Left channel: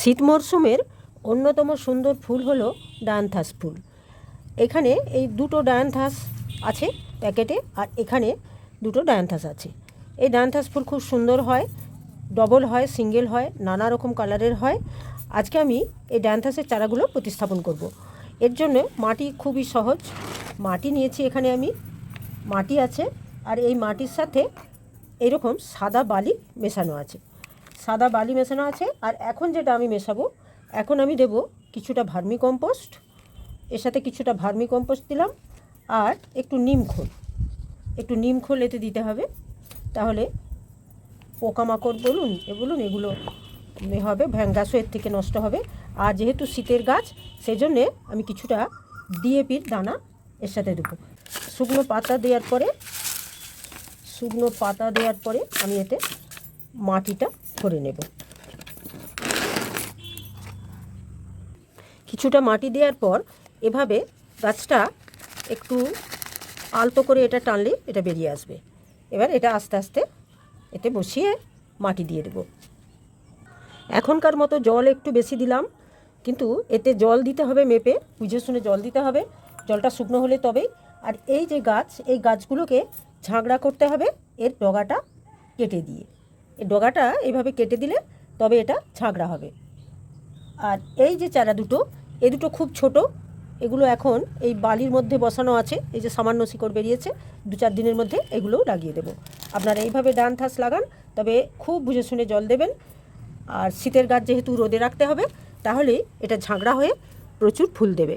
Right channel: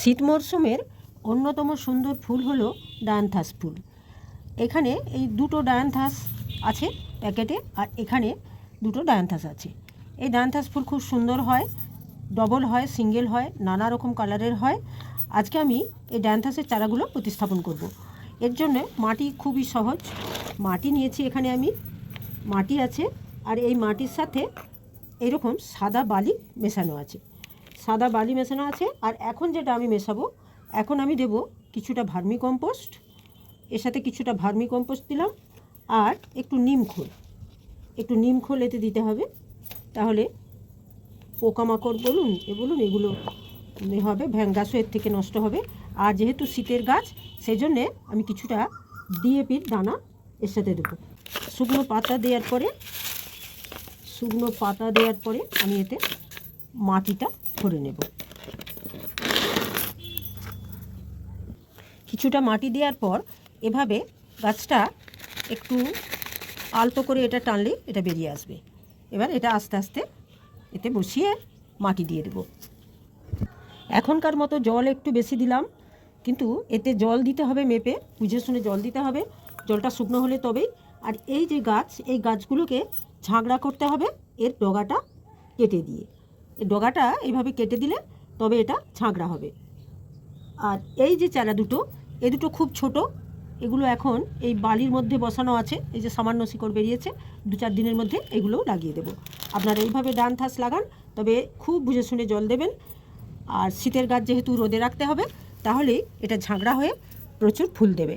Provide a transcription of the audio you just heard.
শীত মরশুমের অন্যতম সুন্দর ফুল হলো ডায়ান্থাস ফুল। এখানে এই দুটো ডায়ান্থাস আছে প্যাকেটে, আর এখানে দুটো ডায়ান্থাস আছে। এই ডায়ান্থাস ফুল খুব সুন্দর হয়, ডবল হয়, সিঙ্গেল হয়, নানা রকম কালারের হয়। আজকে আমি এই ডায়ান্থাসের চারাগুলো প্রতিস্থাপন করব। এর জন্য মাটি খুবই সহজ। মাটি নিয়েছি, এখানে আমি মাটি আছে, আর এই মাটির সাথে এরকম সাদা বালি মেশানো আছে। সাদা বালি মেশানো আছে। আর এখন যেটা আমি মেশাবো, এখন আমি দেব কিছুটা ভার্মি কম্পোস্ট, এর সাথে কিছুটা ভার্মি কম্পোস্ট দিলাম, আর একটু নিম খোল এতে দিতে হবে। তাহলে পোকামাকড় বলুন এগুলো হবে, ভ্যাঙ্গাসও এর থেকে নষ্ট হবে। আর যেহেতু শীতের গাছ, সেই জন্যে আমি কিছুটা ডিএপির দানা এর সাথে দেবো। শুকনো পাতা দেওয়ার পরে আমি এতে মাটিটা ভরে নেব। কিছুটা মাটি দেওয়ার পর এভাবে গাছটা একটু অল্প করে এটা টানলে এটা বেরিয়ে আসবে। এবার এটা আস্তে আস্তে এতে বসিয়ে মাটি দিয়ে দেব। এখনকার মতো জল একটু বেশি দিলাম, কিন্তু এতে জল দিতে হবে মেপে, বুঝে শুনে জল দিতে হবে। জলটা শুকনো হলে তবেই। আর এই যে গাছ, এই গাছগুলোকে ঝাঁকড়া করতে হবে এর ডগাটা কেটে দিয়ে। এই ডগাটা এইভাবে কেটে দিলে তবে এটা ঝাঁকড়া হবে। আর এই যে চারা দুটো, এই দুটো খুব ছোট, এগুলো এখন এই বালির মধ্যে বসানো আছে। এই যে সামান্য শিকড় বেরিয়েছে, 2-4 দিনের মধ্যে এগুলোও লাগিয়ে দেবো। আপনারা এইভাবে ডায়ান্থাস লাগান, তবে খুব বুঝে শুনে জল দেবেন। আর শীতের গাছ যেহেতু রোদে রাখতে হবে, তাহলেই এটা ঝাঁকড়া হয়ে প্রচুর ফুল দেবে।